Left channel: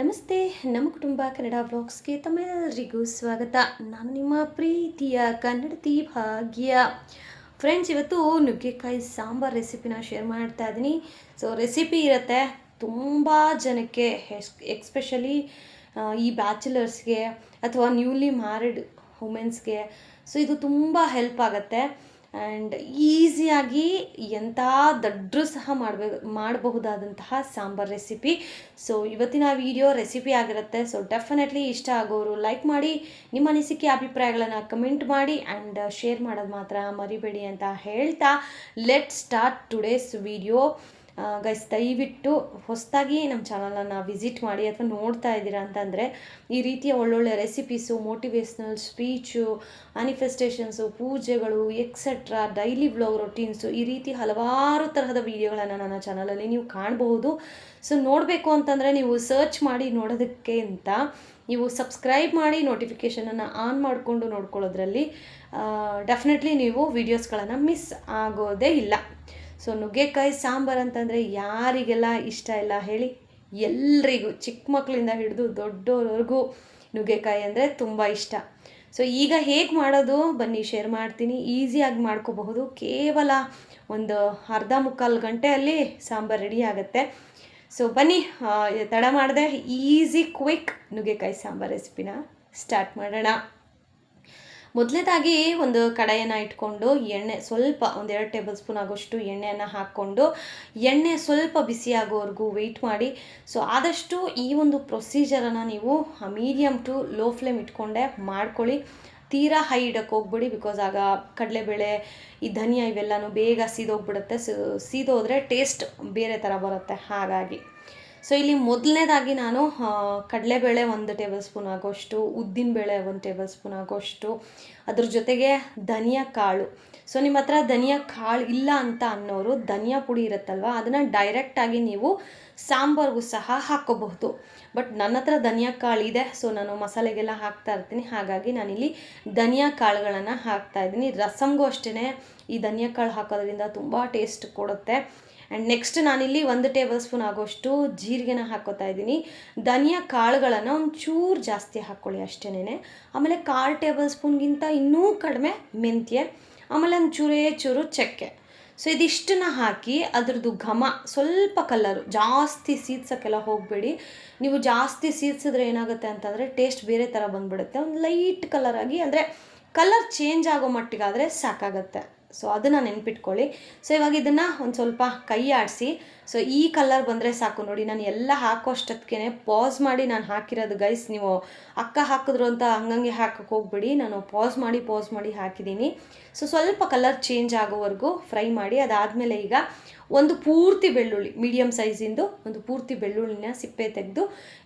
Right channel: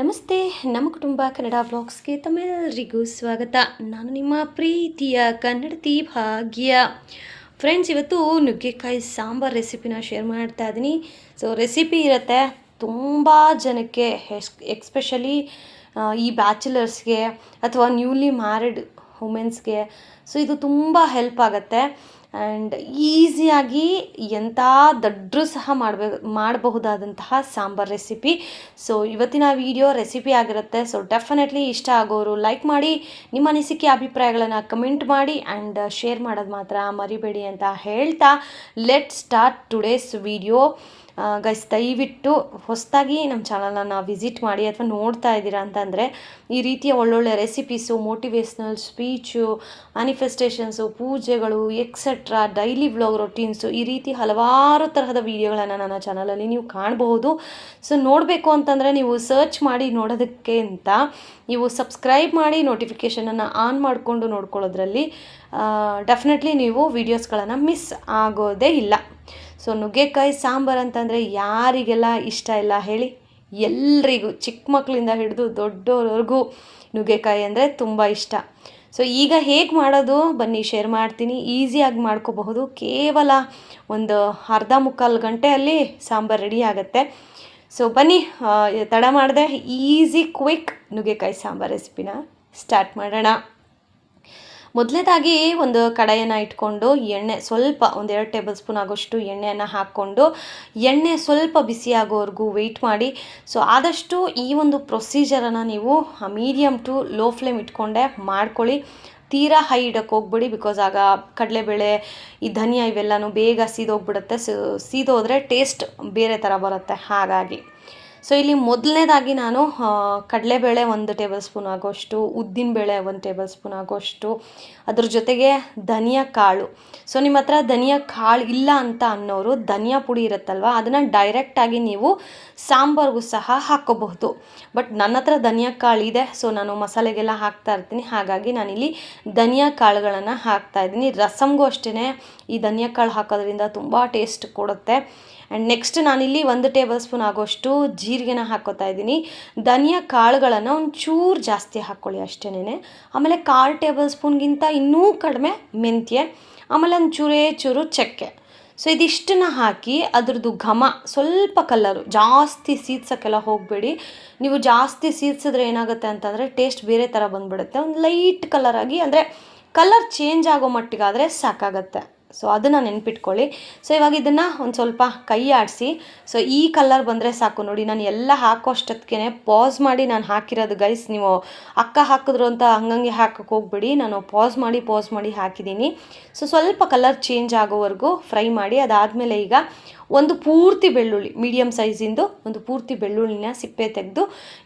ನಮಸ್ತೆ. ನಮ್ಮ ಕುಟುಂಬ ಕನ್ನಡ ವ್ಲಾಗ್ಸ್ಗೆ ತಮ್ಮೆಲ್ಲರಿಗೂ ಸ್ವಾಗತ. ನಾನು ನಿಮ್ಮ ಪ್ರೀತಿಯ ಕನ್ನಡತಿ ಭಾಗ್ಯ. ಫ್ರೆಂಡ್ಸ್, ಇವತ್ತು ನುಗ್ಗೆಕಾಯಿ ಸಾಂಬಾರು ರೆಸಿಪಿನ ಶೇರ್ ಮಾಡ್ತಾ ಇದ್ದೀನಿ. ಸೊ ರೆಸಿಪಿ ಇರುತ್ತೆ ತುಂಬ ಜನಕ್ಕೆ, ಎಕ್ಸ್ಪೆಷಲಿ ಈ ಬ್ಯಾಚುಲರ್ಸ್ಗೆ ಅಥವಾ ನ್ಯೂಲಿ ಮ್ಯಾರಿಡ್ ವುಮೆನ್ಸ್ಗೆ. ಸೊ ಇದು ತುಂಬ ಹೆಲ್ಪ್ ಆಗುತ್ತೆ ಆ್ಯಂಡ್ ಈಸಿಯಾಗಿ ಎಂಥ ದಡ್ರು ಸಹ ಮಾಡಬಹುದಾದಂತಹ ಸಾಂಬಾರ್ ರೆಸಿಪಿ. ಸೊ ಇವತ್ತಿನ ವಿಡಿಯೋ ರೆಸಿಪಿ ಆಗಿರುತ್ತೆ. ಸೊ ಡೆಫಿನೆಟ್ಲಿ ಇಷ್ಟ ಆಗೋರು ಲೈಕ್ ಮಾಡಿ, ನಿಮ್ಮ ಅನಿಸಿಕೆ ಅಭಿಪ್ರಾಯಗಳನ್ನು ಕಮೆಂಟ್ ಮಾಡಿ ಆ್ಯಂಡ್ ಶೇರ್ ಮಾಡೋದು ಮಾತ್ರ ಮರಿಬೇಡಿ ಅಂತ ಹೇಳ್ತಾ let start today's video. Guys, ದಯವಿಟ್ಟು ಹೊಸದಾಗಿ ನಮ್ಮ ಚಾನಲನ್ನು ವಿಸಿಟ್ ಮಾಡಿ ಅಥವಾ ನೋಡ್ತಾ ಇದ್ದೀರಾ ಅಂತಂದರೆ ಈ ರೀತಿಯ ಒಳ್ಳೊಳ್ಳೆ ರೆಸಿಪೀಸು, ಮೋಟಿವೇಶ್ನಲ್ ಸ್ಪೀಚು, ಮ್ಯಾನಿಫೆಸ್ಟೇಷನ್ಸು, ಪೂಜೆಗಳು ಎಕ್ಸೆಟ್ರಾ, ಡೈಲಿ ವ್ಲಾಗ್ ರೊಟೀನ್ಸು, ಈ ರೀತಿ ಹಲವಾರು ತರಹದ ವೀಡಿಯೋಗಳನ್ನು ನನ್ನ ಚಾನಲಲ್ಲಿ ನೀವು ಕಾಣಬಹುದು. ಸೊ ನೋಡಬೇಕು ಅಂತಂದರೆ ನೀವು ಸರ್ಚ್ ಮಾಡಿ ನೋಡೋದಕ್ಕೆ ಅಂತ ನೀವು ಸಬ್ಸ್ಕ್ರೈಬ್ ಮಾಡಿ ನೋಟಿಫಿಕೇಷನನ್ನು ಆನ್ ಮಾಡಿಕೊಂಡು ನೋಡ್ಕೊಳ್ಳೋದ್ರಲ್ಲಿ ಡೆಫಿನೆಟ್ಲಿ ನೀವು ವೀಡಿಯೋಸ್ಗಳನ್ನು ಮಿಸ್ ಆಗೋದೇ ಇಲ್ಲ. ಸೊ ನುಗ್ಗೆಕಾಯಿ ಸಾಂಬಾರು ಅಂತಂದರೆ ಯಾರಿಗೆಲ್ಲ ಇಷ್ಟ ಇಲ್ಲ ಹೇಳಿ? ಎಲ್ರಿಗೂ, ಚಿಕ್ಕ ಮಕ್ಕಳಿಂದ ಹಿಡಿದು ದೊಡ್ಡವ್ರವರೆಗೂ ನುಗ್ಗೆಕಾಯಿ ಅಂದರೆ ತುಂಬ ಇಷ್ಟ. ಸೊ ಈಗ ಹೇಗೆ ಮಾಡೋದು ಬನ್ನಿ ಶೇರ್ ಮಾಡ್ತೀನಿ. ಈಸಿಯಾಗಿ ಮಾಡ್ಕೋಬಹುದು. ಕೇವಲ ಒಂದು ಅರ್ಧ ಮುಕ್ಕಾಲು ಗಂಟೆಯಲ್ಲಿ ಸಾಂಬಾರು ರೆಡಿ ಆಗುತ್ತೆ. ಸೊ ಬನ್ನಿ, ತಡ ಮಾಡದೆ ಈಸಿ ಕ್ವಿಕ್ ನುಗ್ಗೆಕಾಯಿ ಸಾಂಬಾರು ರೆಸಿಪಿನ ಸ್ಟಾರ್ಟ್ ಮಾಡೋಣ. ಮೊದಲನೇದಾಗಿ ಒಂದು ಕಡಾಯನ್ನು ಇಟ್ಕೊಂಡು ಎಣ್ಣೆ ಸ್ವಲ್ಪ, 1-2 ಟೇಬಲ್ ಸ್ಪೂನ್ ಆಗೋಷ್ಟು ಎಣ್ಣೆಯನ್ನು ಹಾಕ್ಕೊಂಡು ಎಣ್ಣೆ ಸ್ವಲ್ಪ ಬಿಸಿ ಆಗೋವರೆಗೂ ವೆಯ್ಟ್ ಮಾಡಿ. ಸೊ ಆದಷ್ಟು ಈ ಒಂದು ಪ್ರೊಸೀಜರನ್ನು ನೀವು ಮೀಡಿಯಮ್ ಟು ಲೋ ಫ್ಲೇಮ್ ಇಟ್ಕೊಂಡೆ ಮಾಡ್ಕೊಳ್ಳಿ. ತೀರಾ ಹೈ ಇಡಕ್ಕೆ ಹೋಗ್ಬಿಡಿ, ಬಿಕಾಸ್ ಆಗ ಕಡಲೆಬೇಳೆ, ಈ ಧನಿಯಾ ಇವೆಲ್ಲನೂ ಬೇಗ ಸೀದೋಗ್ಬಿಡುತ್ತೆ. ಸೀದೋದ್ರೆ ಟೇಸ್ಟ್ ಬೇರೆ ಥರ ಬರುತ್ತೆ. ಹಾಗಾಗಿ ಸೊ ಇಲ್ಲಿ ಮೊದಲನೇದಾಗಿ ನಾನು ಕಡಲೆಬೇಳೆ 1 ಟೇಬಲ್ ಸ್ಪೂನ್ ಆಗೋಷ್ಟು, ಉದ್ದಿನಬೇಳೆ 1 ಟೇಬಲ್ ಸ್ಪೂನ್ ಆಗೋಷ್ಟು, ಅದ್ರ ಜೊತೆಗೆ ಧನಿಯಾ ಕಾಳು. ಸೊ ನಿಮ್ಮ ಹತ್ರ ಧನಿಯಾ ಕಾಳು ಇಲ್ಲ ಅಂತ ಅನ್ನೋರು ಧನಿಯಾ ಪುಡಿ ಇರುತ್ತಲ್ವ, ಅದನ್ನು ಡೈರೆಕ್ಟಾಗಿ ನೀವು ಸಾಂಬಾರ್ಗೂ ಸಹ ಹಾಕ್ಕೋಬಹುದು. ಬಟ್ ನನ್ನ ಹತ್ರ ಧನಿಯಾ ಕಾಳು ಇದೆ, ಸೊ ನಾನು ಮಸಾಲೆಗೆಲ್ಲ ಹಾಕ್ತಾ ಇರ್ತೀನಿ. ಹಾಗಾಗಿ ನಾನಿಲ್ಲಿ ಧನಿಯಾ ಕಾಳುಗಳನ್ನು ಹಾಕ್ತಾಯಿದ್ದೀನಿ. ರಸಮ್ಗೂ ಅಷ್ಟೇ ಈ ಧನಿಯಾ ಕಾಳು ಹಾಕೋದ್ರಿಂದ ತುಂಬ ಟೇಸ್ಟ್ ಕೊಡುತ್ತೆ. ಆ್ಯಂಡ್ ನೆಕ್ಸ್ಟ್ ನಾನಿಲ್ಲಿ 1 ಟೇಬಲ್ ಸ್ಪೂನ್ ಆಗೋಷ್ಟು ಜೀರಿಗೆನ ಹಾಕ್ಕೋತಾ ಇದ್ದೀನಿ. ಧನಿಯಾ ಕಾಳುಗಳನ್ನು ಒಂಚೂರು ಜಾಸ್ತಿ ಹಾಕ್ಕೊಳ್ಳಿ ಅಷ್ಟೇನೆ. ಆಮೇಲೆ 1/4 ಟೇಬಲ್ ಸ್ಪೂನ್ಗಿಂತ ಇನ್ನೂ ಕಡಿಮೆ ಮೆಂತ್ಯ, ಆಮೇಲೆ ಚೂರು ಚಕ್ಕೆ. ಸೊ ಇದಿಷ್ಟನ್ನು ಹಾಕಿ ಅದ್ರದ್ದು ಘಮ, ಸ್ವಲ್ಪ ಕಲರು, ಜಾಸ್ತಿ ಸೀದ್ಸೋಕ್ಕೆಲ್ಲ ಹೋಗಬೇಡಿ. ನೀವು ಜಾಸ್ತಿ ಸೀದ್ಸಿದ್ರೆ ಏನಾಗುತ್ತೆ ಅಂತಂದರೆ ಟೇಸ್ಟ್ ಬೇರೆ ಥರ ಬಂದುಬಿಡುತ್ತೆ. ಒಂದು ಲೈಟ್ ಕಲರಾಗಿ, ಅಂದರೆ ಕಲರ್ ಚೇಂಜ್ ಆಗೋ ಮಟ್ಟಿಗಾದರೆ ಸಾಕಾಗತ್ತೆ. ಸೊ ಅದನ್ನು ನೆನ್ಪಿಟ್ಕೊಳ್ಳಿ. ಸೊ ಇವಾಗ ಇದನ್ನು ಒಂದು ಸ್ವಲ್ಪ ಕೈ ಆಡಿಸಿ, ಸೊ ಈ ಕಲರ್ ಬಂದರೆ ಸಾಕು. ನೋಡಿ, ನಾನು ಎಲ್ಲ ಹಾಕೋಷ್ಟೊತ್ತಿಗೆ ಪಾಸ್ ಮಾಡಿ ನಾನು ಹಾಕಿರೋದು ಗೈಸ್. ನೀವು ಅಕ್ಕ ಹಾಕಿದ್ರು ಅಂತ ಹಂಗಂಗೆ ಹಾಕಕ್ಕೆ ಹೋಗ್ಬಿಡಿ. ನಾನು ಪಾಸ್ ಮಾಡಿ ಹಾಕಿದ್ದೀನಿ. ಸೊ ಸ್ವಲ್ಪ ಕಲರ್ ಚೇಂಜ್ ಆಗೋವರೆಗೂ ಫ್ರೈ ಮಾಡಿ. ಅದಾದಮೇಲೆ ಈಗ ಒಂದು ಪೂರ್ತಿ ಬೆಳ್ಳುಳ್ಳಿ, ಮೀಡಿಯಮ್ ಸೈಜಿಂದು ಒಂದು ಪೂರ್ತಿ ಬೆಳ್ಳುಳ್ಳಿನ ಸಿಪ್ಪೆ ತೆಗೆದು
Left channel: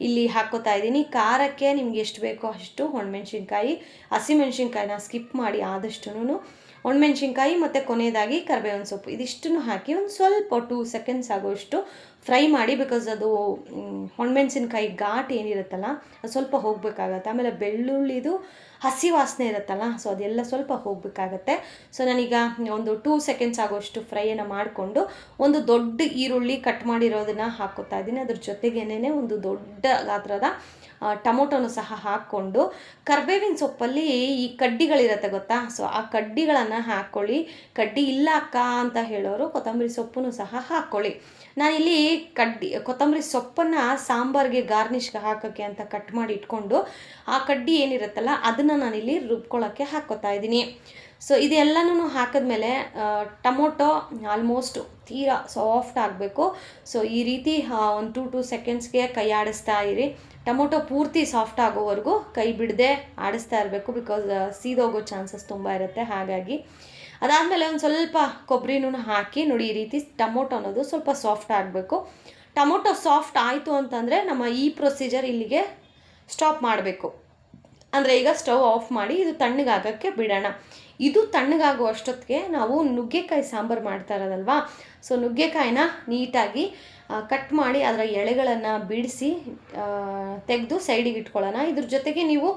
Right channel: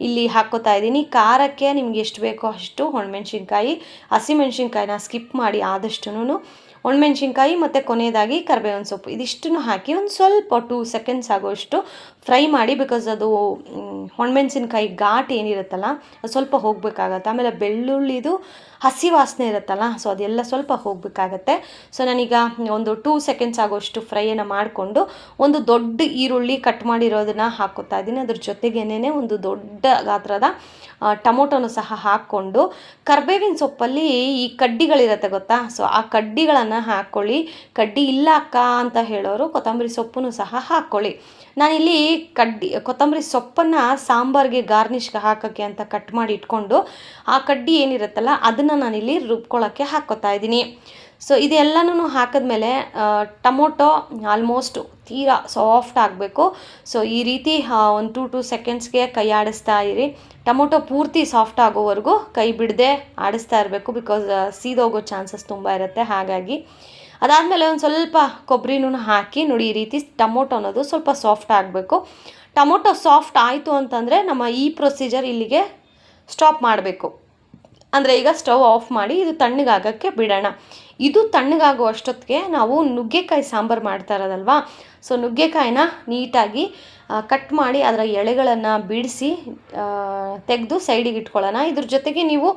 ಇಲ್ಲಿ ಹಾಕ್ಕೋತಾ ಇದ್ದೀನಿ. ಖಾರಕ್ಕೆ ನಿಮ್ಗೆ ಎಷ್ಟು ಬೇಕೋ ಅಷ್ಟು ಒಣಮೆಣ್ಸಿನ್ಕಾಯಿ, ಹಸಿಮೆಣ್ಸಿನ್ಕಾಯಿನ ಸ್ಕಿಪ್ ಮಾಡಿ ಆದಷ್ಟು ಒಣಮೆಣ್ಸಿನ್ಕಾಯಿ ಮತ್ತು ಕೊನೆಯದಾಗಿ ಕರಿಬೇವಿನ ಸೊಪ್ಪು, ಇದಿಷ್ಟನ್ನು ಹಾಕಿ ಒಂದು ಸ್ವಲ್ಪ 2 ಸೆಕೆಂಡ್ಸ್ ಆಗೋಷ್ಟು ಫ್ರೈ ಮಾಡಿ. ಬಿಕಾಸ್ ಅದು ಒಣಮೆಣ್ಸಿನ್ಕಾಯಿ ಘಾಟ್ ಏನಿರುತ್ತಲ್ಲ ಅದು ಸ್ವಲ್ಪ ಹೋಗಬೇಕಾಗತ್ತೆ. ಆಮೇಲೆ ಬೆಳ್ಳುಳ್ಳಿದು ಹಸಿ ವಾಸನೆ ಇರುತ್ತಲ್ಲ, ಸೊ ಅದೆಲ್ಲ ಸ್ವಲ್ಪ ಹೋಗಬೇಕಾಗತ್ತೆ. ಸೊ ನಾನೀಗ ಒಂದು 2 ಸೆಕೆಂಡ್ಸ್ ಆಗೋಷ್ಟು ಫ್ರೈಯನ್ನು ಮಾಡಿಕೊಂಡು ಒಂದು ದೊಡ್ಡ ಈರುಳ್ಳಿ ಕಟ್ ಮಾಡಿರೋದನ್ನು ಹಾಕ್ಕೋತಾ ಇದ್ದೀನಿ. ಅದ್ರ ಜೊತೆಗೇನೆ ಒಂದು ದೊಡ್ಡ ಗಾತ್ರದ ಟೊಮೊಟೊನು ಸಹ ಹಾಕ್ಕೊಂಡು, ಕರಿಬೇವಿನ ಸೊಪ್ಪಲ್ಲಿ ಈ ಕಡ್ಡಿಗಳಿರುತ್ತೆ ಗೊತ್ತಾ, ಸೊ ಆ ಕಡ್ಡಿಗಳನ್ನು ಹಾಕ್ಕೊಳ್ಳಿ. ಕಡ್ಡಿ ಇಲ್ಲ ಅಕ್ಕ ಅಂತ ಹೇಳೋರು ಕೊತ್ತಂಬರಿ ಸೊಪ್ಪನ್ನು ಸಹ ಹಾಕ್ಕೊಳ್ಳಿ. ನಾನಿಲ್ಲಿ ಕೊತ್ತಂಬರಿ ಸೊಪ್ಪನ್ನು ಸಾಂಬಾರಿಗೆ ಗಾರ್ನಿಷ್ಗೆ ಹಾಕೋಕ್ಕೆ ಅಂತ ಕಟ್ ಮಾಡಿ ಇಟ್ಕೊಂಡು ಆ ಕಡ್ಡಿ ಏನಿರುತ್ತಲ್ಲ ಅದನ್ನು ನಾನಿಲ್ಲಿ ರುಬ್ಕೊಳ್ಳೋಕ್ಕೆ ಹಾಕ್ಕೋತಾ ಇದ್ದೀನಿ. ಸೊ ಇದೆಲ್ಲನೂ ಹಾಕಿದ್ಮೇಲೆ ಟೊಮೊಟೊ ಆಲ್ಮೋಸ್ಟ್ ತೀರಾ ಸಾಫ್ಟ್ ಆಗಬೇಕು. ಸೊ ಈ ರೀತಿ ಒಂದು 2 ಸೆಕೆಂಡ್ಸ್ಗೆ ಕೈ ಆಡಿಸ್ತಾ ಇರಿ. ಟೊಮೊಟೊ ಪೂರ್ತಿ ಸಾಫ್ಟ್ ಆಗೋವರೆಗೂ ಕೈ ಬಿಡದೆ ಆಡಿಸ್ತಾ ಇರಬೇಕು, ಬಿಕಾಸ್ ಸೀದೋಗೋ ಚಾನ್ಸಸ್ ತುಂಬ ಇರುತ್ತೆ. ಹಾಗಾಗಿ ಅದಾದಮೇಲೆ ಒಂದು ಸ್ವಲ್ಪ ಕೊಬ್ಬರಿನೂ ಹಾಕಿ ನೋಡಿ, ಈ ರೀತಿ ಟೊಮೊಟೊ ಅನ್ನೋದು ಸ್ವಲ್ಪ ಸಾಫ್ಟ್ ಆಗಬೇಕು. ಟೊಮೊಟೊ ಸಾಫ್ಟ್ ಆಯಿತು ಅಂತಂದರೆ ನಮ್ಮ ಈ ಪ್ರೊಸೀಜರ್ ಇಲ್ಲಿಗೆ ಸ್ಟಾಪ್ ಮಾಡಬೇಕು. ಅಂದರೆ ಈಗ ಸ್ಟವ್ ಆಫ್ ಮಾಡಿ ಇದು ತಣ್ಣಗಾಗೋಕ್ಕೆ ಬಿಡೋಣ. ಇದು ತಣ್ಣಗಾಗೋ ಅಷ್ಟೊತ್ತಿಗೆ ನಾವು ನುಗ್ಗೆಕಾಯಿ ಸಾಂಬಾರು ಮಾಡ್ತಾ ಇರೋದಲ್ವ, ಸೊ ನುಗ್ಗೆಕಾಯಿನ ನೀಟಾಗಿ ಕಟ್ ಮಾಡಿ ಅದರ ಎಳೆಗಳನ್ನು ಬಿಡಿಸಿ ತೆಗೆದು ಸೈಡಿಗೆ ಇಟ್ಕೊಳ್ಳೋಣ. ಇದ್ರ ಜೊತೆಗೆ ನೀವು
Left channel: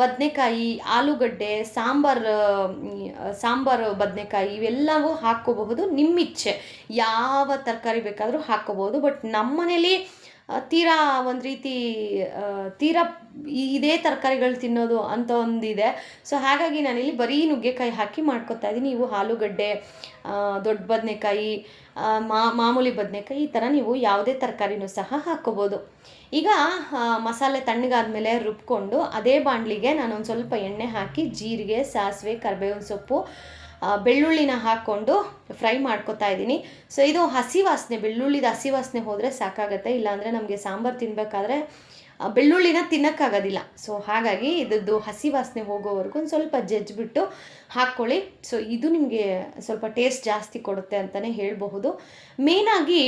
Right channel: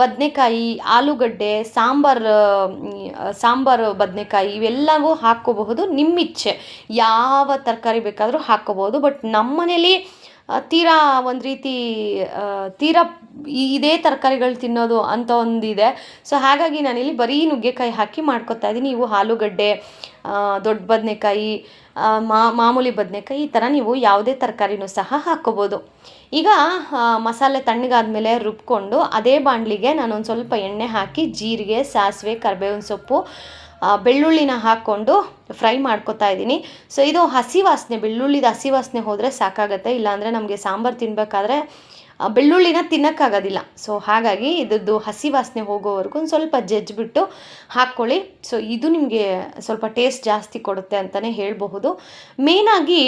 ಬದನೆಕಾಯಿ, ಆಲೂಗಡ್ಡೆ, ಸಾಂಬಾರು ಬದನೆಕಾಯಿ ಇವೆಲ್ಲವೂ ಹಾಕ್ಕೋಬಹುದು. ನಿಮ್ಮಿಚ್ಛೆ ಯಾವ ತರಕಾರಿ ಬೇಕಾದರೂ ಹಾಕ್ಕೋಬೋದು. ಬಟ್ ನಮ್ಮ ಮನೇಲಿ ತೀರಾ ಒಂದು ರೀತಿ ತೀರಾ ಇದೇ ತರಕಾರಿಗಳು ತಿನ್ನೋದು ಅಂತ ಒಂದಿದೆ. ಸೊ ಹಾಗಾಗಿ ನಾನಿಲ್ಲಿ ಬರೀ ನುಗ್ಗೆಕಾಯಿ ಹಾಕಿ ಮಾಡ್ಕೊತಾ ಇದ್ದೀನಿ. ನೀವು ಆಲೂಗಡ್ಡೆ, ದೊಡ್ಡ ಬದನೆಕಾಯಿ, ಮಾಮೂಲಿ ಬದನೆಕಾಯಿ, ಈ ಥರ ನೀವು ಯಾವುದೇ ತರಕಾರಿನೂ ಸಹ ಹಾಕ್ಕೋಬೋದು. ಈಗ ಮಸಾಲೆ ತಣ್ಣಗಾದ್ಮೇಲೆ ರುಬ್ಕೊಂಡು ಅದೇ ಬಾಣಲಿಗೆ ನಾನು ಒಂದು ಸ್ವಲ್ಪ ಎಣ್ಣೆ ಹಾಕಿ ಜೀರಿಗೆ, ಸಾಸಿವೆ, ಕರಿಬೇವಿನ ಸೊಪ್ಪು, ಬೆಳ್ಳುಳ್ಳಿನ ಹಾಕ್ಕೊಂಡು ಫ್ರೈ ಮಾಡ್ಕೊತಾ ಇದ್ದೀನಿ. ಸೊ ಇದು ಹಸಿ ವಾಸನೆ, ಬೆಳ್ಳುಳ್ಳಿದ ಹಸಿ ವಾಸನೆ ಹೋದರೆ ಸಾಕಾಗತ್ತೆ. ಇಲ್ಲಾಂದರೆ ನಮಗೆ ಸಾಂಬಾರು ತಿನ್ನಬೇಕಾದ್ರೆ ಬೆಳ್ಳುಳ್ಳಿನ ತಿನ್ನೋಕ್ಕಾಗೋದಿಲ್ಲ. ಸೊ ಹಾಗಾಗಿ ಇದ್ದದ್ದು ಹಸಿ ವಾಸನೆ ಹೋಗೋವರೆಗೂ ಒಂದು ಸ್ವಲ್ಪ ಜಜ್ಜಿಬಿಟ್ಟು ಹಾಕ್ಕೊಳ್ಳಿ. ಸೊ ಇದು ನಿಮಗೆ ಸ್ವಲ್ಪ ಟೇಸ್ಟ್ ಜಾಸ್ತಿ ಕೊಡುತ್ತೆ ಅಂತಲೇ ಹೇಳಬಹುದು. ಮೇಯ್ನಾಗಿ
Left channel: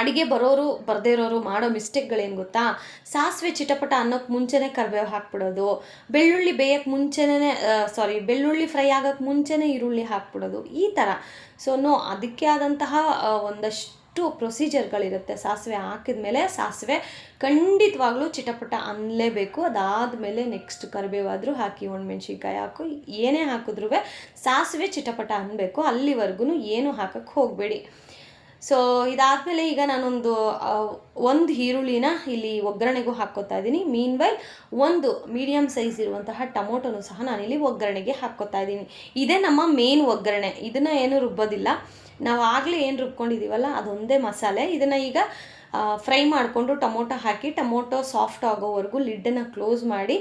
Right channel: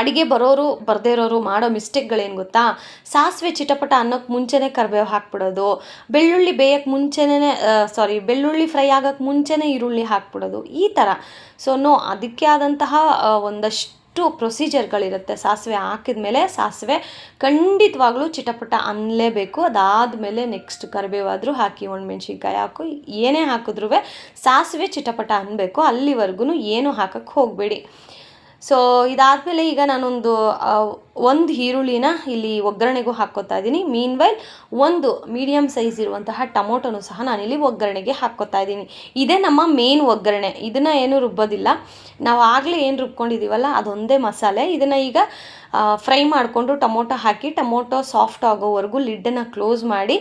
ಅಡುಗೆ ಬರೋರು ಬರದೇ ಇರೋರು ಮಾಡೋ ಮಿಸ್ಟೇಕ್ಗಳೇನು ಗೊತ್ತಾ, ಸಾಸಿವೆ ಚಿಟಪಟ ಅನ್ನೋಕ್ಕೆ ಮುಂಚೆನೇ ಕರಿಬೇವು ಹಾಕ್ಬಿಡೋದು, ಬೆಳ್ಳುಳ್ಳಿ ಬೇಯಕ್ಕೆ ಮುಂಚೆನೇ ಬೆಳ್ಳುಳ್ಳಿ ಫ್ರೈ ಆಗೋಕ್ಕೆ ಮುಂಚೆನೇ ಈರುಳ್ಳಿ ಹಾಕ್ಬಿಡೋದು, ಈ ಥರ. ಸೊ ಅದಕ್ಕೆ ಆದಂತಹ ಒಂದಷ್ಟು ಪ್ರೊಸೀಜರ್ಗಳಿರುತ್ತೆ. ಸಾಸಿವೆ ಹಾಕಿದ ಮೇಲೆ ಸಾಸಿವೆ ಖಂಡಿತವಾಗ್ಲೂ ಚಿಟಪಟ ಅನ್ನಲೇಬೇಕು. ಅದಾದಮೇಲೆ ನೆಕ್ಸ್ಟ್ ಕರಿಬೇವಾದರೂ ಹಾಕಿ, ಒಣಮೆಣ್ಸಿನ್ಕಾಯಿ ಹಾಕು, ಏನೇ ಹಾಕಿದ್ರೂ ಸಾಸಿವೆ ಚಿಟಪಟ ಅನ್ನಬೇಕು. ಅಲ್ಲಿವರೆಗೂ ಏನು ಹಾಕಕ್ಕೆ ಹೋಗಬೇಡಿ. ಸೊ ಇದಾದಮೇಲೆ ಈಗ ಒಂದು ಈರುಳ್ಳಿನ ಇಲ್ಲಿ ಒಗ್ಗರಣೆಗೂ ಹಾಕ್ಕೋತಾ ಇದ್ದೀನಿ. ಮೀನ್ವೈಲ್ ಒಂದು ಮೀಡಿಯಮ್ ಸೈಜ್ ಇರುವಂತಹ ಟೊಮೊಟೊನೂ ಸಹ ನಾನಿಲ್ಲಿ ಒಗ್ಗರಣೆಗೆ ಹಾಕ್ಕೋತಾ ಇದ್ದೀನಿ. ಇದೇ ನಮ್ಮ ಮೇನ್ ಒಗ್ಗರಣೆ. ಇದನ್ನು ಏನೂ ರುಬ್ಬೋದಿಲ್ಲ. ನಾವು ಆಗಲೇ ಏನು ರುಬ್ಕೊಂಡಿದ್ದೀವಲ್ಲ ಅದೊಂದೇ ಮಸಾಲೆ. ಇದನ್ನು ಈಗ ಫ್ರೈ ಮಾಡಿಕೊಂಡು ಟೊಮೊಟೊ ಹಾಕಿ, ಟೊಮೊಟೊ ಸಾಫ್ಟ್ ಆಗೋವರೆಗೂ ಲಿಡ್ಡನ್ನು ಕ್ಲೋಸ್ ಮಾಡಿ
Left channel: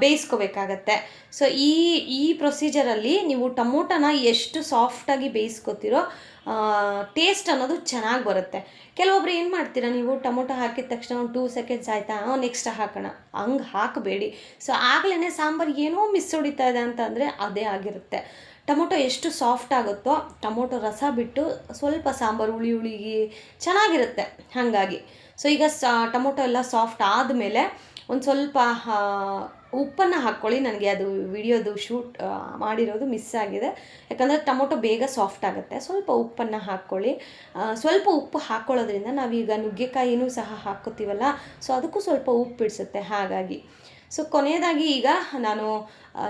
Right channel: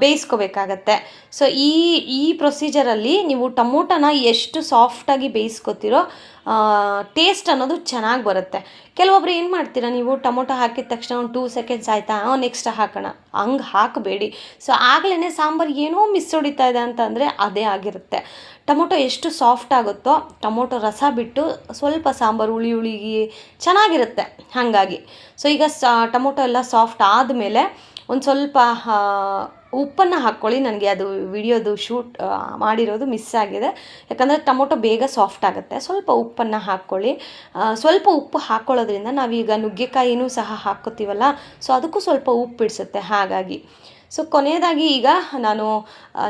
ಬೇಯಿಸ್ಕೋಬೇಕಾಗತ್ತೆ. ಸೊ ಈ ಪ್ರೊಸೀಜರಲ್ಲಿ ನೀವು ಟೊಮೊಟೊನ ಎಷ್ಟು ಸಾಫ್ಟಾಗಿ ಬೇಯಿಸ್ಕೊತೀರೋ ಟೇಸ್ಟ್ ಅನ್ನೋದು ಚೆನ್ನಾಗಿ ಬರುತ್ತೆ. ಕೆಲವೊಬ್ರು ಏನು ಮಾಡ್ತೀರಾ, ನೀವು ಟೊಮೊಟೊ ಹಾಕಿದ ತಕ್ಷಣ ಒಂದು 2 ಸೆಕೆಂಡ್ಸ್ ಆಯಿತಾ ನೆಕ್ಸ್ಟ್ ಹಾಕೋಣ, ಹಂಗೆ ಹಾಕಬೇಡಿ. ಸೊ ಆಗಲೇ ಸಾಂಬಾರು ಏನೋ ಮಿಸ್ ಹೊಡಿತಾ ಇದೆ ಅಂತಂದರೆ ಅದೇ ಆಗಿರುತ್ತೆ. ಟೊಮೊಟೊ ಎಷ್ಟು ಸಾಫ್ಟ್ ಆಗುತ್ತೋ ಟೊಮೊಟೊ ರಸ ಬಿಟ್ಟು ಸ್ವಲ್ಪ ಸಾಂಬಾರು ಹುಳಿ ಹುಳಿಗಿ ಚೆನ್ನಾಗಿರುತ್ತೆ. ಹಾಗಾಗಿ ಸೊ ಈಗ ಟೊಮೊಟೊ ಎಲ್ಲ ಸಾಫ್ಟ್ ಆದಮೇಲೆ ಒಂದು ಸ್ವಲ್ಪ ಉಪ್ಪನ್ನು ಹಾಕ್ಕೊಳ್ಳಿ. ನನಗೆ ಅದು ವಿಡಿಯೋದು ಶೂಟ್ ಮಾಡಿರೋದು ಮಿಸ್ ಆಗಿದೆ, ಯಾಕಂದರೆ ಟೊಮೊಟೊ ಬೇಗ ಸಾಫ್ಟ್ ಆಗುತ್ತೆ. ಸ್ವಲ್ಪ ಉಪ್ಪನ್ನು ಹಾಕ್ಕೊಳ್ಳಿ. ಸ್ವಲ್ಪ ಉಪ್ಪು ಹಾಕ್ಕೊಳ್ಳೋದ್ರಿಂದ ನಾವೀಗ ನುಗ್ಗೆಕಾಯಿನೂ ಸಹ ಹಾಕ್ಕೋತೀವಲ್ಲ, ಸೊ ಅದಕ್ಕೂ ಸ್ವಲ್ಪ ಉಪ್ಪು ಬಿಡಿಸುತ್ತೆ. ಹಾಗಾಗಿ ಸೊ ಕೊನೆಯದಾಗಿ ಈಗ ನಾನು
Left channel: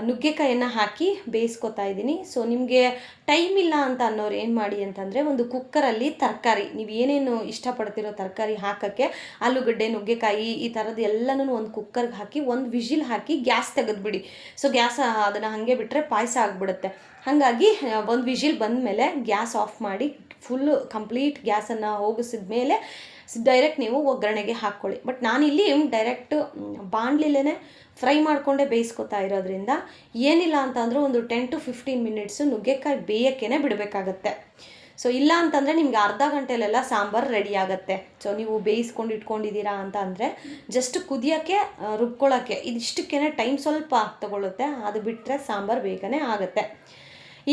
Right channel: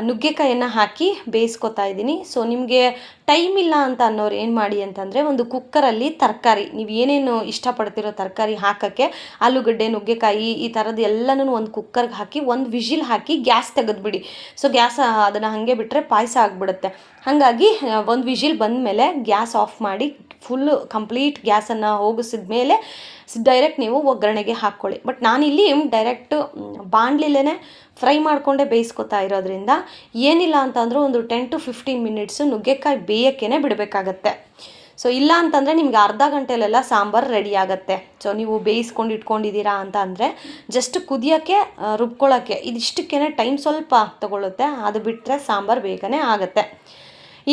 ನುಗ್ಗೆಕಾಯನ್ನು ಹಾಕಿ ಬೇಯಿಸ್ಕೊತಾ ಇದ್ದೀನಿ. ಸೊ ನಿಮಗೆ ಟೈಮ್ ಇಲ್ಲ ಅಂತ ಅನ್ನೋರು ಏನು ಮಾಡಿ ಅಂತಂದರೆ, ಒಂದು ಕುಕ್ಕರಲ್ಲಿ ತರಕಾರಿ ನೀವು ಏನೇನು ಇಷ್ಟಪಡ್ತಿರೋ ತರಕಾರಿ ಹಾಕೋಕ್ಕೆ, ಆಲೂಗಡ್ಡೆ, ನುಗ್ಗೆಕಾಯಿ, ಈ ಥರದ್ದು ಎಲ್ಲನೂ ಒಂದು ಕುಕ್ಕರ್ಗೆ ಹಾಕಿ ಒಂದು ವಿಷಿಲ್ ಹಾಕಿ ಗ್ಯಾಸ್ ತೆಗೆದುಬಿಡಿ. ಸೊ ಗ್ಯಾಸ್ ಅದನ್ನು ಹಾಗೆ ಬಿಟ್ಟರೆ ಪಾಯಸ ಆಗಿಬಿಡುತ್ತೆ. ಹಾಗಾಗಿ ಒಂದು ವಿಷಿಲ್ ಬಂದಮೇಲೆ ಗ್ಯಾಸ್ ಆಫ್ ಮಾಡಿ ಫುಲ್ಲು ಕಂಪ್ಲೀಟ್ ಗ್ಯಾಸನ್ನು ಹೋಗಿಸಿದ ಮೇಲೆ ಡೈರೆಕ್ಟ್ ನೀವು ಒಗ್ಗರಣೆಗೆ ಹಾಕ್ಕೊಳ್ಳಿ. ಬಟ್ ನಾನಿಲ್ಲಿ ಡೈರೆಕ್ಟು ಬಾಣಲಿಲೇ ಫ್ರೈ ಮಾಡಿಕೊಂಡೇ ಬೇಯಿಸ್ಕೊತಾ ಇರೋದ್ರಿಂದ ಏನಿಲ್ಲ ಅಂತಂದರೂ ಒಂದು 10 to 15 ಮಿನಿಟ್ಸು ನುಗ್ಗೆಕಾಯಿ ಬೇಯೋಕ್ಕೇ ಬಿಡಬೇಕಾಗತ್ತೆ. ಸೊ ಇಲ್ಲ ಅಂತಂದರೆ ನಿಮ್ಗೆ ಅರ್ಧ ಗಂಟೆಲೆಲ್ಲ ಸಾಂಬಾರು ರೆಡಿ ಆಗುತ್ತೆ. ಸೊ ನೀವು ಬೇಯಿಸ್ಕೊಂಡು ಇಟ್ಕೊಂಡಿದ್ದೀರಾ ಅಂತ ಅಂದರೆ ಜಸ್ಟ್ ಕುದಿಯೋಕ್ಕೆ, ರುಬ್ಕೊಳ್ಳೋಕ್ಕೆ ಇದಿಷ್ಟಕ್ಕೇ ಟೈಮ್ ಸ್ವಲ್ಪ ತೊಗೊಳುತ್ತೆ. ಅದು ಬಿಟ್ಟರೆ ಸಾಂಬಾರು ಬೇಗನೆ ಆಗುತ್ತೆ.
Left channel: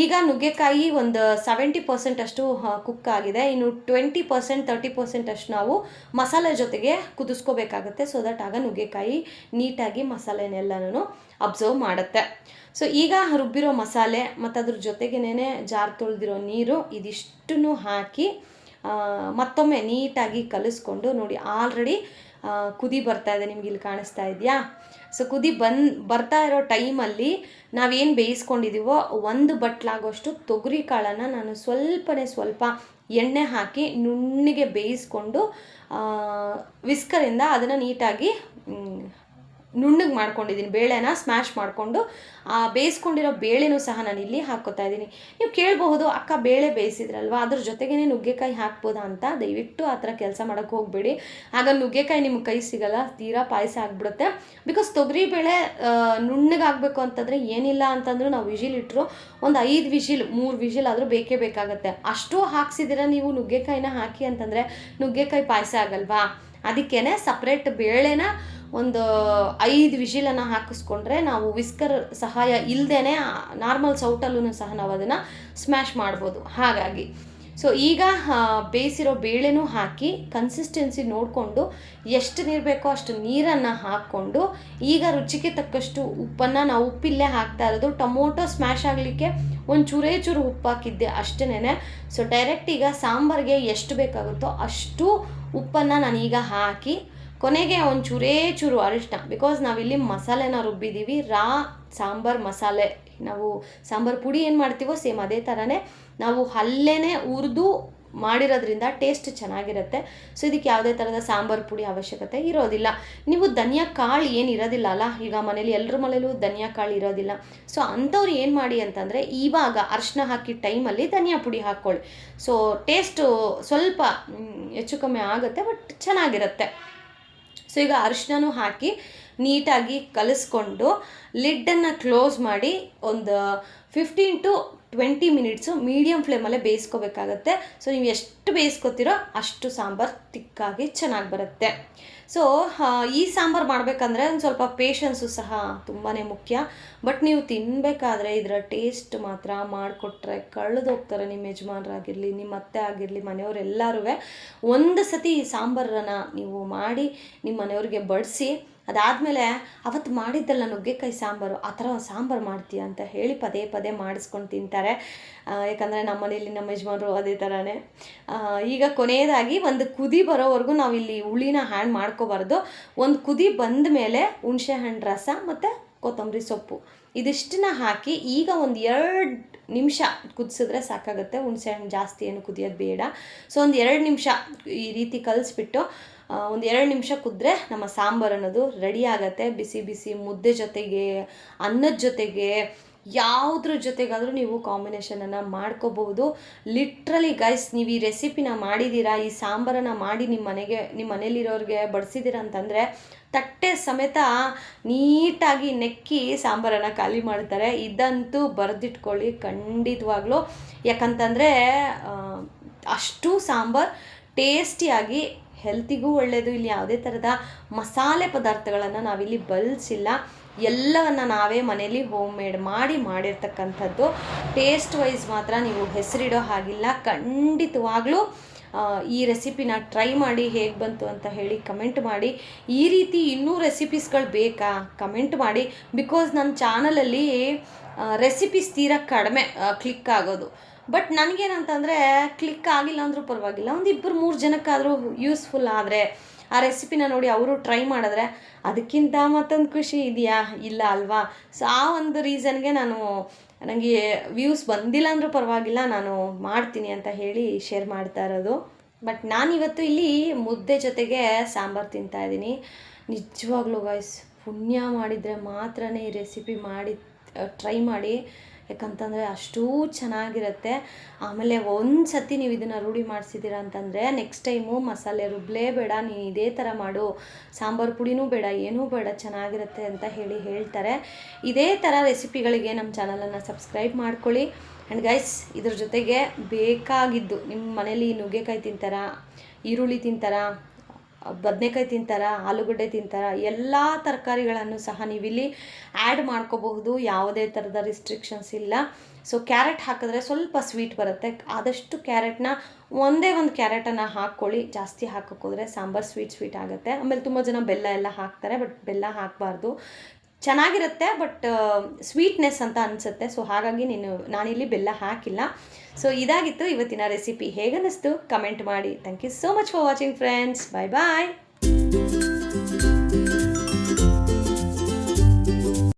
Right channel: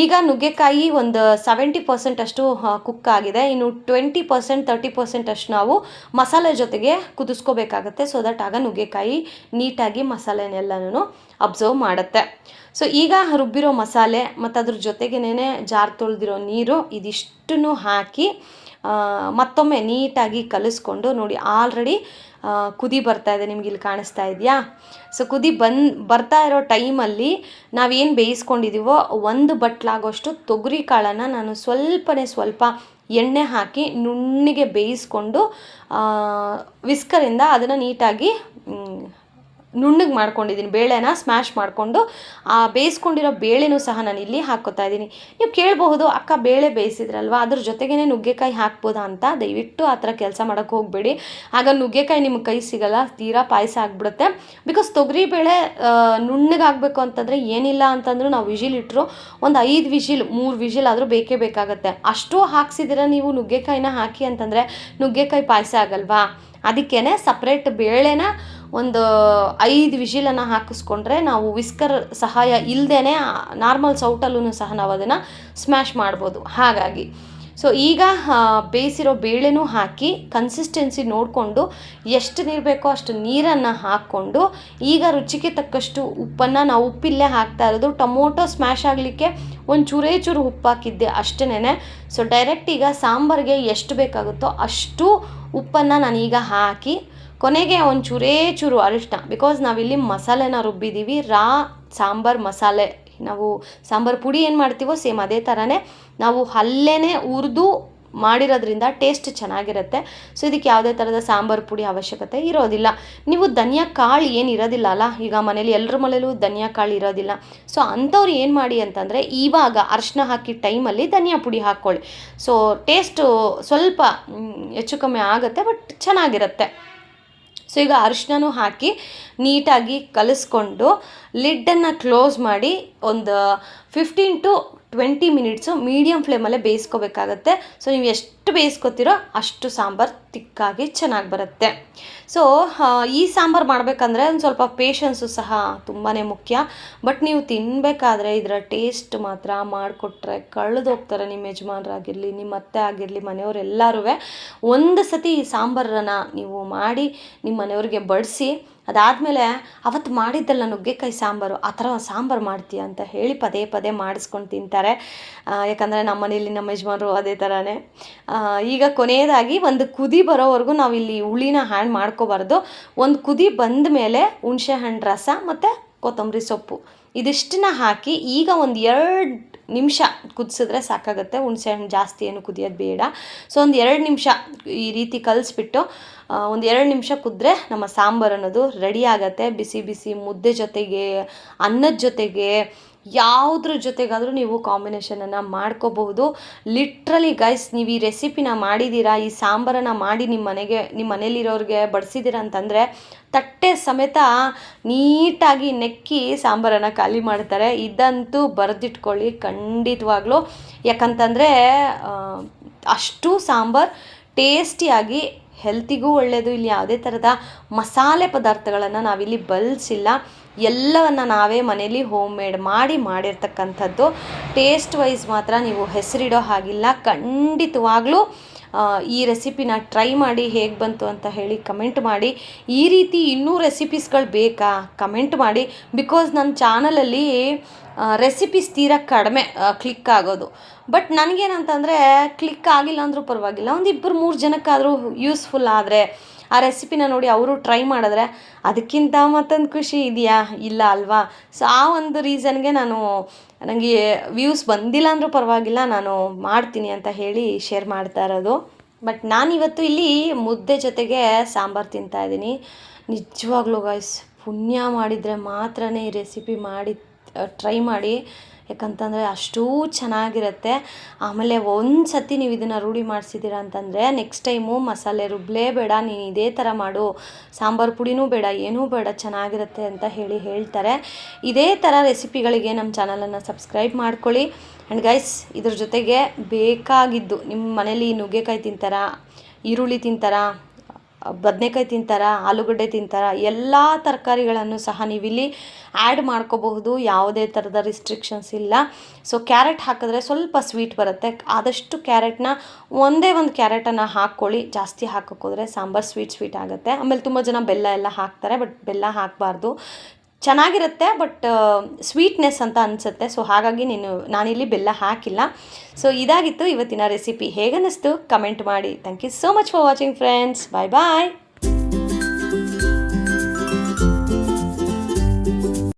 ಈಗ ನುಗ್ಗೆಕಾಯಿ ಒಂದು 70% ಅಷ್ಟು ಕುಕ್ ಆಗಿದೆ. ಇನ್ನು 20% 30% ಅಷ್ಟು ನಾವು ಮಸಾಲೆ ಜೊತೆಗೆ ಕುದಿಸ್ಕೋಬೇಕಾಗತ್ತೆ. ಸೊ ದಟ್ ಆಗ ನುಗ್ಗೆಕಾಯಿ ನೀಟಾಗಿ ಮಸಾಲೆನೆಲ್ಲನೂ ಅಬ್ಸರ್ವ್ ಮಾಡುತ್ತೆ. ಸೊ ಈಗ ರುಬ್ಬಿರೋ ಮಸಾಲೆ ಮತ್ತು ಅದ್ರ ಜೊತೆಗೇನೆ ಜಾರ್ ತೊಳೆದಿರೋ ನೀರು ಇದಿಷ್ಟನ್ನು ಹಾಕಿ ಮತ್ತೊಮ್ಮೆ ನೀಟಾಗಿ ಕಲಿಸ್ಕೊಂಡು, ನೋಡಿ ಆಲ್ರೆಡಿ ಕುದಿ ಬರ್ತಾ ಇದೆ, ನಿಮ್ಗೆ ಇಲ್ಲಿ ಕಾಣಿಸ್ತಾ ಇದೆಯಾ? ಸೊ ಕುದಿ ಬರ್ತಾ ಇರೋ ಟೈಮಲ್ಲಿ ನಾವೇನು ಬೇಯಿಸ್ಕೊಂಡಿದ್ದೀವೋ ಒಂದು ಬಟ್ಲಾಗೋಷ್ಟು ತೊಗರಿ ಕಾಳನ್ನು ನಾನು ಸ್ವಲ್ಪ ಎಣ್ಣೆ ಹಾಕಿ ನುಣ್ಣಗೆ ಬೇಯಿಸ್ಕೊಂಡು ವಿಸ್ಕರಿಂದ ಅದನ್ನು ನೀಟಾಗಿ ನುಣ್ಣಗೆ ಮಾಡ್ಕೊಂಡಿದ್ದೀನಿ. ಬೇಳೆನ ಸ್ಮ್ಯಾಶ್ ಮಾಡಿಕೊಂಡು ಬೇಯಿಸ್ಕೊಂಡಿರೋ ಬೇಳೆನೂ ಸಹ ನಾನು ಇಲ್ಲಿ ಹಾಕ್ಕೋತಾ ಇದ್ದೀನಿ. ನೀವು ಕೇಳಬಹುದು, ಅಕ್ಕ ಬೇಳೆ ಬೇಯಿಸಿದ್ರಲ್ವ ಅದ್ರ ಜೊತೆಗೇ ನುಗ್ಗೆಕಾಯಿ ಹಾಕ್ಬೋದಾ ಅಂತ. ದಯವಿಟ್ಟು ಆ ಥರ ಕೆಲಸ ಮಾಡೋಕ್ಕೆ ಹೋಗಬೇಡಿ. ಆಗ ನುಗ್ಗೆಕಾಯಿ ನಿಮ್ಗೆ ಕೈ ಸಿಗಲ್ಲ, ತೀರಾ ಪಾಯಸ ಆಗಿಬಿಡುತ್ತೆ. ಬಿಕಾಸ್ ತೊಗರಿಬೇಳೆ ನುಣ್ಣಗಾಗಬೇಕು ಅಂತಂದರೆ ಏನಿಲ್ಲ ಅಂತಂದರೂ ನಾವು ವಿಷಿಲ್ ಇಟ್ಟರು ಒಂದು 5 ವಿಷಿಲ್ 3 ವಿಷಿಲ್ ಆದರೂ ಬೇಕೇ ಬೇಕಾಗತ್ತೆ. ಅಷ್ಟು ಹಾಕ್ಸಿದ್ದೀರ ನೀವು ನುಗ್ಗೆಕಾಯಿನ ಹಾಕಿ ಅಂತಂದರೆ ನುಗ್ಗೆಕಾಯಿ ಪಾಯಸ ಆಗಲ್ವಾ? ಅದಕ್ಕೇ ಸಪ್ರೇಟ್ ಬೇಳೆನ ಒಂದು 5 ವಿಷಿಲನ್ನು ಹಾಕಿಸ್ಕೊಂಡ್ರೆ ನಾವು ವಿಸ್ಕರ್ ಸಹಾಯ ಇಲ್ಲದೇ ನಾರ್ಮಲ್ ಸೌಟಲ್ಲೂ ಸಹ ನಾವು ಅದನ್ನು ಸ್ಮ್ಯಾಶ್ ಮಾಡ್ಬೋದು. ಹಾಗಾಗಿ ಸೊ ಈಗ ಬೇಯಿಸಿರೋ ಬೇಳೆನೂ ಹಾಕಿ ಕನ್ಸಿಸ್ಟೆನ್ಸಿ ನೋಡಿಕೊಂಡು ಎಷ್ಟು ನೀರು ಬೇಕೋ ಅಷ್ಟು ನೀರನ್ನು ಹಾಕ್ಕೊಂಡು, ಈಗ ರುಚಿಗೆ ತಕ್ಕಷ್ಟು ಉಪ್ಪನ್ನು, ನಾವು ಉಪ್ಪಿಲ್ಲೇ ಹಾಕ್ತಾ ಇರೋದು, ಟೊಮೊಟೊ ಸ್ಮ್ಯಾಶ್ ಆಗಲಿಕ್ಕೆ ಒಂದು ಚೂರು ಉಪ್ಪು ಹಾಕಿದ್ದೆ ಅಷ್ಟೇ. ಸೊ ಡೈರೆಕ್ಟ್ ಈಗ ಸಾಂಬಾರಿಗೆ ಎಷ್ಟು ಬೇಕಾಗುತ್ತೋ ಅಷ್ಟು ಉಪ್ಪನ್ನು ನಾನೀಗ ಹಾಕಿ ಕೊನೆಗೆ ಒಂದು ಚೂರು ಅರಿಶಿನ, ಬಿಕಾಸ್ ನಾವಿಲ್ಲಿ ಮಸಾಲೆನ ರುಬ್ಬಿದ್ದೀವಿ, ಸಾಂಬಾರು ಮಸಾಲೆ, ನಾವು ಸಾಂಬಾರು ಪುಡಿ ಏನು ಮಾಡ್ತೀವೋ ಸೇಮ್ ಅದೇ ಥರನೇ ನಾವು ಅಲ್ಲೇ ಹುರಿದು ಮಾಡಿರೋದ್ರಿಂದ ಟೇಸ್ಟ್ ಚೆನ್ನಾಗಿರುತ್ತೆ. ಸೊ ಇದಕ್ಕೆ ಯಾವುದೇ ಥರದ ಸಾಂಬಾರು ಪುಡಿ ಅವಶ್ಯಕತೆ ಇರೋದಿಲ್ಲ. ನೀವು ಧನಿಯಾ ಕಾಳು ಏನು ಇರೋದಿಲ್ಲ ಅಲ್ಲ, ಈಗ ಮನೇಲಿ ಎಲ್ಲರ ಮನೇಲೂ ಧನಿಯಾ ಕಾಳು ಇರೋದಿಲ್ಲ. ಸೊ ಅಂಥವ್ರು ಏನು ಮಾಡಿ ಅಂತಂದರೆ ಇವಾಗ ಅರಿಶಿನ ಹಾಕಿ ಟೈಮಲ್ಲಿ ಧನಿಯಾ ಪುಡಿ ಹಾಕ್ಕೊಳ್ಳಿ. ಸೊ ಟೇಸ್ಟು ಸ್ವಲ್ಪ ಹೆಚ್ಚು ಕಮ್ಮಿ ಆಗುತ್ತೆ, ಬಟ್ ಚೆನ್ನಾಗಿರುತ್ತೆ. ಸೊ ಈಗ ಅರಿಶಿನೂ ಹಾಕಿ ನೀಟಾಗಿ ಕಲಿಸ್ಕೊಂಡು ಲಿಡ್ಡನ್ನು ಕ್ಲೋಸ್ ಮಾಡಿ ಒಂದು 15-20 ಮಿನಿಟ್ಸು ಮೀಡಿಯಮ್ ಫ್ಲೇಮಲ್ಲೇ ಬೇಯಿಸ್ಕೋಬೇಕಾಗತ್ತೆ. ಸೊ ನೀವು ಎಷ್ಟು ಬೇಯಿಸ್ಕೊತೀರೋ ಅಷ್ಟು ಸಾಂಬಾರು ತಿಕ್ಕಾಗಿ ಚೆನ್ನಾಗಿ ಬರುತ್ತೆ. ಸೊ ಈ ಸಾಂಬಾರು ಮಾಡಬೇಕಂದ್ರೆ ಒಂದು ಸ್ವಲ್ಪ ಪೇಷನ್ಸು ಸಹ ತುಂಬಾ ಮುಖ್ಯ. ಬಟ್ ನೀವು ತಿನ್ನಬೇಕಾದ್ರೆ ಇದರ ಟೇಸ್ಟ್ ಮಾತ್ರ ಮಾಡಿಕೊಟ್ರೆ ಕಳೆದೋಗ್ತಾರೆ. ನಿಮ್ಮ ಯಜಮಾನರಾಗಿರಲಿ, ನಿಮ್ಮ ಅತ್ತೆ ಆಗಿರಲಿ, ಮನೆಯವರೆಲ್ಲರೂ ಒಂದು ಸತಿ ಈ ಸಾಂಬಾರನ್ನು ನೀವು ಮಾಡಿ ನಿಮ್ಮ ಮನೆಯವ್ರಿಗೆ ಬಡಿಸಿ, ಅದಾದಮೇಲೆ ಅವತ್ತು ಮಾಡಿದ್ದಲ್ಲ ನುಗ್ಗೆಕಾಯಿ ಸಾಂಬಾರು, ಆ ಥರ ಸಾಂಬಾರು ಮಾಡ್ತೀಯ ಅಂತ ಹೇಳಿ ಪದೇ ಪದೇ ಮಾಡಿಸ್ಕೊಂಡು ತಿಂತಾರೆ. ಯಾಕಂದರೆ ನಮ್ಮ ಮನೇಲಿ ನಮ್ಮ ಯಜಮಾನರು ಅದೇ ಥರನೇ. ಈಗ ಕೊನೆಯದಾಗಿ ಒಂದು ಕುದಿ ಬರೋವರೆಗೂ ನಾವು ಇಲ್ಲಿ ಹುಳಿನ ಹ್ಯಾಂಡ್ ಮಾಡ್ಕೋಬಾರ್ದು. ಒಂದು ಕುದಿ ಬಂದ ಮೇಲೆ ಹುಣಸೆ ಹಣ್ಣು ರಸ ಮತ್ತು ಕೊತ್ತಂಬರಿ ಸೊಪ್ಪು ಇದಿಷ್ಟನ್ನ ಹಾಕಿ ಈಗ ಒಂದು 2 ನಿಮಿಷ ಕುದಿಸಿದ್ರೆ ಸಾಕಾಗುತ್ತೆ. ಹುಣಸೆ ಹಣ್ಣು ಜಾಸ್ತಿ ಏನು ಕುದಿಯೋದು ಬೇಡ. ಸೊ ಒಂದು 2 ನಿಮಿಷ ಈ ರೀತಿ ಕಲಿಸ್ಬಿಟ್ಟು ಒಂದು 2 ನಿಮಿಷ ಕುದ್ರೆ ನಮ್ಮ ಸಾಂಬಾರು ಅನ್ನೋದು ರೆಡಿ ಆಗುತ್ತೆ. ಬಿಸಿ ಬಿಸಿ ಮುದ್ದೆ ಜೊತೆಗೆ, ಅನ್ನದ ಜೊತೆಗೆ, ಯಾವುದ್ರ ಜೊತೆಗಾದರೂ ನೀವು ಕಾಂಬಿನೇಷನನ್ನು ಮಾಡ್ಕೋಬಹುದು. ಲಿಟ್ರಲಿ ಗೈಸ್, ನೀವು ಈ ರೆಸಿಪಿನ ಮಾಡಿದ್ದೀರಾ, ಈ ಸಾಂಬಾರನ್ನು ಮಾಡಿ ನಿಮ್ಮ ಮನೇಲಿರೋರಿಗೆ ಬಡಿಸಿದ್ದೀರಾ ಅಂತಂದರೆ ತಟ್ಟೆ ಸಮೇತ ನೀಟಾಗಿ ನೆಕ್ಕಿ ಸಾಂಬಾರನ್ನು ಖಾಲಿ ಮಾಡ್ತಾರೆ. ಇದಂತೂ ಬರೆದಿಟ್ಕೊಳ್ಳಿ ಖಂಡಿತವಾಗ್ಲೂ. ಯಾಕಂತಂದರೆ ಅಷ್ಟು ಸಾಂಬಾರು ಟೇಸ್ಟಿಯಾಗಿ, ಹೆಲ್ತಿಗೂ ಒಳ್ಳೆಯದು. ಇಲ್ಲಿ ಯಾವುದೇ ಥರದ ಮಸಾಲೆ ಪದಾರ್ಥಗಳನ್ನು ನಾವಿಲ್ಲಿ ಬಳಸಿಲ್ಲ. ಎಲ್ಲವನ್ನು ನಾವೇ ಮನೇಲಿ ಹೋಮ್ ಮೇಡ್ ಮಾಡಿರ್ತಕ್ಕಂಥದ್ದು. ಟೇಸ್ಟ್ ವೈಸ್ ಮಾತ್ರ ನೀವು ಹೆಸರಿಡೋ ಹಾಗಿಲ್ಲ. ಖಂಡಿತವಾಗ್ಲೂ ಈ ರೆಸಿಪಿನ ಟ್ರೈ ಮಾಡಿ ಹೇಗೆ ಬಂತು ಅಂತ ಹೇಳಿ ಕಮೆಂಟ್ ಮಾಡಿ. ಈ ರೀತಿ ಇನ್ನೂ ರೆಸಿಪೀಸ್ಗಳು ಬೇಕಾ ಕಮೆಂಟ್ ಮಾಡಿ. ಬಿಕಾಸ್ ನನ್ನ ಚಾನಲಲ್ಲಿ ರೆಸಿಪೀಸ್ ತೀರಾ ಕಡಿಮೆ ಕ್ಲಿಕ್ ಆಗೋದು. ಬಟ್ ನನಗೇನಂತಂದರೆ ಕ್ಲಿಕ್ ಆಗಿಲ್ಲ ಅಂದರೂ ಪರವಾಗಿಲ್ಲ, ಒಂದು 2-3 ಜನಕ್ಕಾದರೂ ಯೂಸ್ಫುಲ್ ಆದರೆ, ಆ ರೆಸಿಪಿನ ನೋಡಿ ಅವರು ಟ್ರೈ ಮಾಡಿದ್ರೆ ಅದಕ್ಕಿಂತ ಮತ್ತೊಂದು ಖುಷಿ ಇದೆಯಾ? ಇಲ್ಲ ಅಲ್ವಾ? ಸೊ ಆ ಒಂದು ರೀಸನ್ಗೆ ನನಗೆ ವ್ಯೂಸ್ ಬಂದಿಲ್ಲ ಅಂದರೂ ಪರವಾಗಿಲ್ಲ, ನಾನು ಮಾಡ್ತೀನಿ ಅಂತ ಹೇಳಿ ಶೇರ್ ಮಾಡ್ತಾ ಇರೋದು. ಬಟ್ ನಾನಿವತ್ತು ಇಲ್ಲಿ ಮುದ್ದೆ ಜೊತೆಗೆ ಸಾಂಬಾರು ತಿಂತಾಯಿದ್ದೀನಿ. ನಿಜವಾಗ್ಲೂ ಗಾಯ್ಸ್, ಪುಣ್ಯ ಮಾಡಿದರೆ ಮಾತ್ರ ಈ ರೆಸಿಪಿ ಮಾಡಿ ಟ್ರೈ ಮಾಡಿ. ಯಾಕಂತಂದರೆ ಅಷ್ಟೂ ಚೆನ್ನಾಗಿರುತ್ತೆ. ಆಮೇಲೆ ಒಂದು ಸತಿ ನೀವು ಇದನ್ನು ರೂಢಿ ಮಾಡಿಸಿದ್ದೀರ ಅಂತಂದರೆ ನೆಕ್ಸ್ಟ್ ಟೈಮು ಮಸಾಲೆ ರುಬ್ಬಲೇಬೇಡ, ನೀನು ಇದೇ ಥರ ಮಾಡು, ಸಾಂಬಾರು ಪುಡಿನೂ ಬೇಡ, ಏನೂ ಬೇಡ, ಚೆನ್ನಾಗಿರುತ್ತೆ ಅಂತ ಹೇಳ್ತಾರೆ. ಇದೇ ಥರ ರೆಸಿಪಿಗಳಿಗೆ ನಮ್ಮ ಚಾನಲನ್ನು ಸಬ್ಸ್ಕ್ರೈಬ್ ಮಾಡ್ಕೊಳ್ಳಿ. ಆ್ಯಂಡ್ ಗೈಸ್, ಇದ್ರ ಜೊತೆಗೆ ಬೇಕಾಗಿದ್ದು, ನಿಮ್ಮ ಮನೇಲಿ ನುಗ್ಗೆಕಾಯಿ ತಿಂತಾರಾ, ಈರುಳ್ಳಿ ತಿಂತಾರಾ, ಬದನೆಕಾಯಿ ತಿಂತಾರಾ, ಆಲೂಗಡ್ಡೆ ತಿಂತಾರಾ, ಎಲ್ಲ ತರಕಾರಿಗಳನ್ನು ಸಹ ನೀವಿಲ್ಲಿ ಆ್ಯಡ್ ಮಾಡ್ಕೋಬಹುದು. ಯಾವುದೇ ಥರದ ರಿಸ್ಟ್ರಿಕ್ಷನ್ಸ್ ಇಲ್ಲ. ಸೊ ಕ್ಯಾರೆಟ್ ಹಾಕಿದ್ರೆ ಸ್ವಲ್ಪ ಸ್ವೀಟ್ ಬರುತ್ತೆ. ಆದಷ್ಟು ಕ್ಯಾರೆಟ್ನ ಒಂದೇ ಒಂದು ಕ್ಯಾರೆಟನ್ನು ಹಾಕ್ಕೊಳ್ಳಿ. ಜಾಸ್ತಿ ಹಾಕೋಕ್ಕೋದ್ರೆ ಸಾಂಬಾರು ಸ್ವೀಟ್ ಆಗುತ್ತೆ. ಆಮೇಲೆ ತುಂಬ ಜನ ಬೆಲ್ಲ ಎಲ್ಲ ಹಾಕ್ತಾರೆ, ಬಟ್ ಬೆಲ್ಲ ಹಾಕಬಾರ್ದು. ಚೆನ್ನಾಗಿರುತ್ತೆ, ಬಟ್ ಸ್ವೀಟ್ನೆಸ್ ಅಂತ ಅನಿಸುತ್ತೆ. ಸೊ ಹಾಗಾಗಿ ನಾನಿಲ್ಲಿ ಬೆಲ್ಲ ಹಾಕಿಲ್ಲ. ಸೊ ಇದಾಗಿತ್ತು ಇವತ್ತಿನ ರೆಸಿಪಿ. ಹೇಗನ್ನಿಸ್ತು ಕಮೆಂಟ್ ಮಾಡಿ. Thank you so much for watching friends. Bye bye.